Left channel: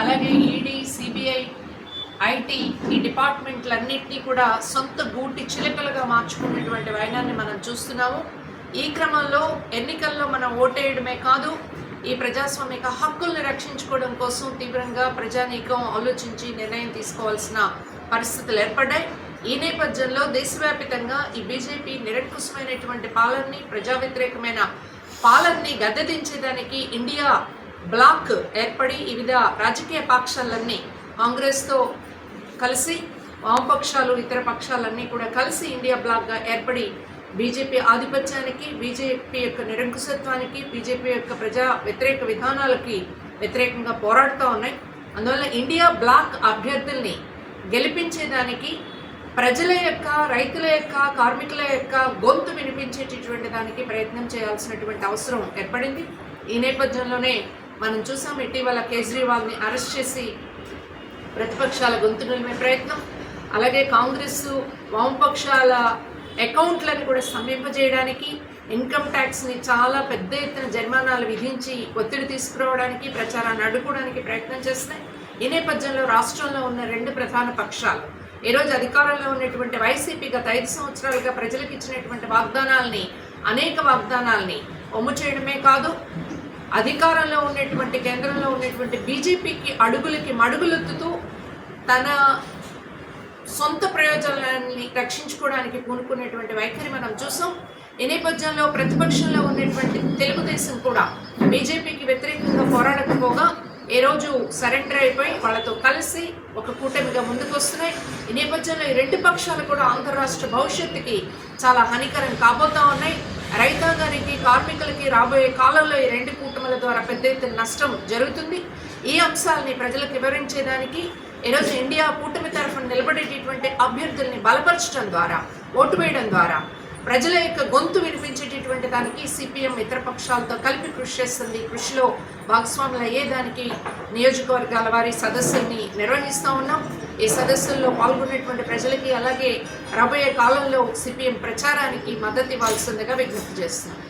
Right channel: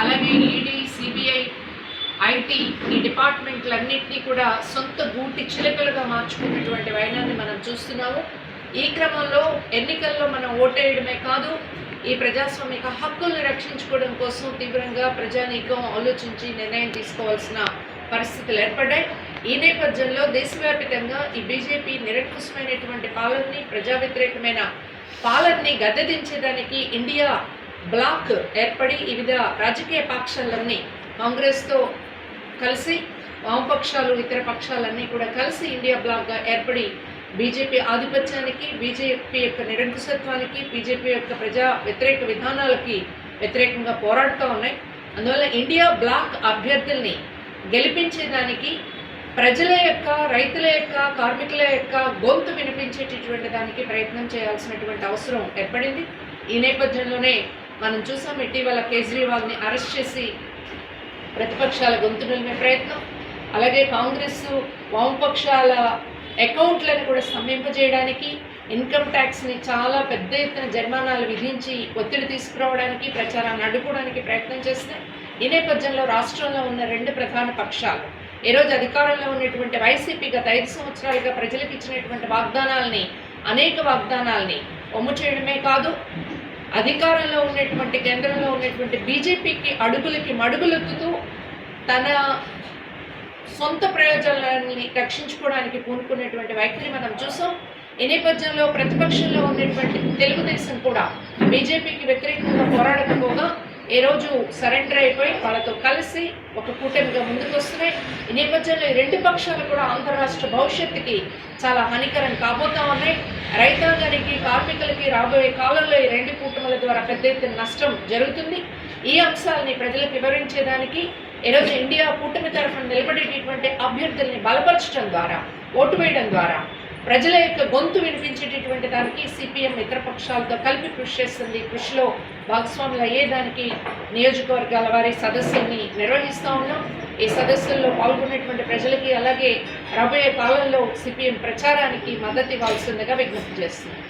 అలాగే ED CBI IT ఈ డిపార్ట్మెంట్లన్నింటినీ కూడా సొంత గూటి చిలుకలుగా మార్చుకున్నటువంటి వైనాన్ని మనం చూస్తున్నాము. ఈ క్రమంలో ఎన్నికల్లో మనం ఓటేయడమే కాదు ఈ ప్రజాస్వామిక హక్కుల్ని రక్షించుకోవడం కోసం తీవ్రంగా ప్రజానీకం ఆలోచించి నిర్ణయం తీసుకోవాల్సిన పరిస్థితులు ఏర్పడ్డాయి. ఈ నేపథ్యంలో దేశవ్యాప్తంగా ఈ బీజేపీ నిరంకుశమైనటువంటి పాలనని ప్రజా వ్యతిరేకమైన పాలనని గద్దెదించేదానికి ఇండియా బ్లాక్ ఏర్పడి వివిధ రాజకీయ పక్షాలన్నీ కాంగ్రెస్తో కలిసి వామపక్షాలు ఇతర పక్షాలన్నీ కూడా కలిసి ఇండియా బ్లాక్గా ఏర్పడి బీజేపీ ఆధిపత్యానికి బీజేపీ యొక్క నిరంకుశత్వానికి బీజేపీ యొక్క ప్రజా వ్యతిరేక విధానాలకి వ్యతిరేకంగా పోరాడుతూ ఉన్నాయి. అందువల్ల ఇండియా బ్లాక్ అభ్యర్థుల్ని గెలిపించేదానికి ప్రజల యొక్క రైతుల యొక్క కార్మికుల యొక్క గొంతు వినిపించేటటువంటి దానికి ప్రయత్నం చేయాల్సినటువంటి అవసరం ఏర్పడింది. ఈ నేపథ్యంలోనే మనం చూసాం ఇటీవల కేజ్రీవాల్ని అరెస్ట్ చేసి ప్రతిపక్షాల గొంతు నిలిమే ప్రయత్నం. అలాగే కాంగ్రెస్ వామపక్షాల అకౌంట్లను కూడా స్తంభింపజేయడానికి ఇన్కమ్ ట్యాక్స్ని చాలా పెద్ద ఎత్తున జరిమానాలు విధించి ఒత్తిడి తీసుకురావడానికి ప్రచారాన్ని అడ్డుకోవడానికి ప్రయత్నం చేస్తున్నాయి. ఈ నేపథ్యంలో రాష్ట్రంలో ఉన్న రెండు ప్రధాన పక్షాలు ఈరోజు అధికారంలో ఉన్నటువంటి వైసీపీ గత ఐదు సంవత్సరాలుగా ప్రజలకు ఇచ్చినటువంటి వాగ్దానాల్ని అనేక వాగ్దానాల్ని ఒమ్ము చేయడమే కాదు అధికారంలో ఉన్నటువంటి కేంద్రంలో ఉన్నటువంటి బీజేపీకి అడుగులకి మడుగులెత్తుతూ తన సొంత ప్రయోజనాలని రక్షించుకోవడానికి పూనుకునేటువంటి వైఖరి మనం చూసాం. ఈ నేపథ్యంలో ప్రతిపక్షంలో ఉన్నటువంటి తెలుగుదేశం కూడా బీజేపీకి వ్యతిరేకంగా పోరాడకపోగా ఏ రోజు సరెండర్ అయిపోయి వాళ్ళతో కలిసి ఒక కూటమిగా ముందుకు వస్తున్నాయి. ఈ నేపథ్యంలో ఈ రెండు పక్షాలు కూడా ఆంధ్ర రాష్ట్ర భవిష్యత్తుకి చాలా హానికరం కాబోతా ఉన్నాయి. కార్మికులకి రాబోయే కాలంలో ఈ రెండు కూటముల ద్వారా పెద్ద ఎత్తున నష్టం జరుగుతుంది. ఈ అంశాలని ప్రజలకు వివరించేదానికి ఈరోజు ఇండియా కూటమి తరఫున నిలబడేటటువంటి అభ్యర్థుల్ని బలపరచడం ద్వారా ఓటు వేయడం ద్వారా ప్రజల యొక్క గొంతు వినిపించేటటువంటి దానికి సిపిఎం ఇతర పక్షాలతో కలిపి కృషి చేస్తుంది. కృషిలో భాగస్వాములు అయ్యేదానికి నియోజకవర్గాల వారి సదస్సుల్ని నిర్వహిస్తూ ఉన్నాం. ఈ సదస్సుల్లో పాల్గొనేటువంటి ప్రజలకి అలాగే రాబోయే కాలంలో సిపిఎం ప్రచారానికి మద్దతు ఇవ్వాల్సిందిగా విజ్ఞప్తి చేస్తున్నాం.